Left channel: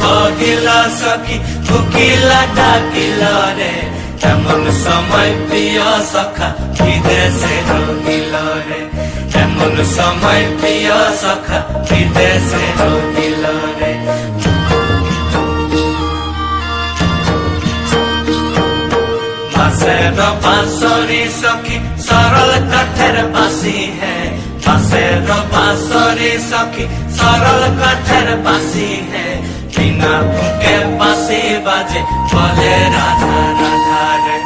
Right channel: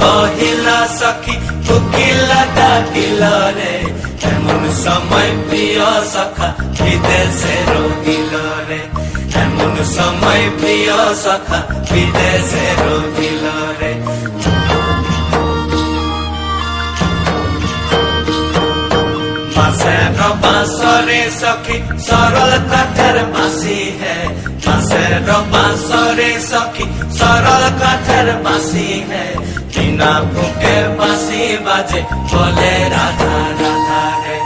বহিল সখী কোকিলা ডাকিল রে এমন সময় প্রিয় সখা বিদেশে রহিল রে এমন সময় প্রিয় সখা বিদেশে রহিল রে बांसुरी सखी सरल काठर बांसी है बांसेर बांसुरी सखी सरल काठर बांसी है बिना फूके बांसी बाजे बोले राधा राधा रे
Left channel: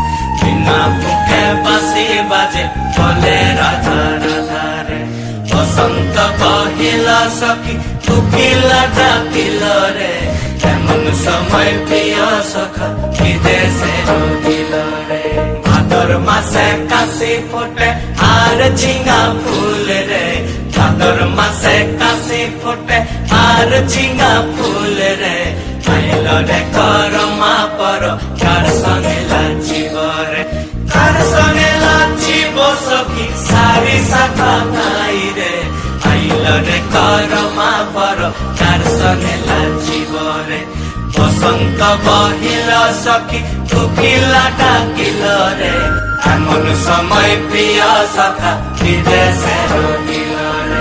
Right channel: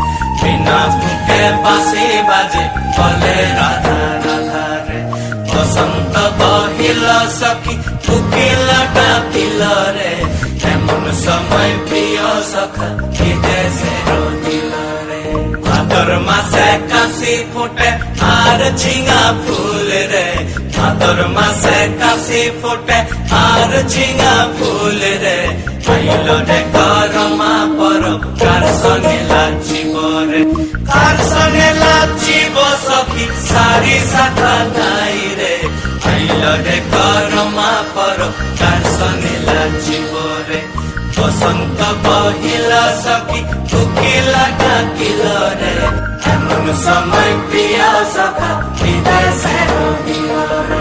बिना फूके बांसी बाजे बोले राधा राधा रे बसंत बहिल सखी कोकिला डाकिल रे एमन समय प्रिय सखा विदेशे रहिल रे भादर मासे काशी फुटे आर झिंगा फूल रे भादर मासे काशी फुटे आर झिंगा फूल रे आइल रे करमा पर कार संगे लाचिब रे कार संगे लाचिब सखी सारी साथा नाई रे आइल रे करमा पर कार संगे लाचिब रे बसंत बहिल सखी कोकिला डाकिल रे एमन समय प्रिय सखा विदेशे रहिल रे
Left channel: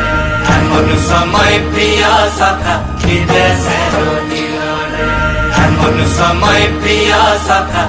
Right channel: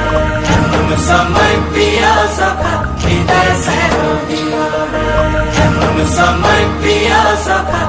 एमन समय प्रिय सखा विदेशे रहिल रे एमन समय प्रिय सखा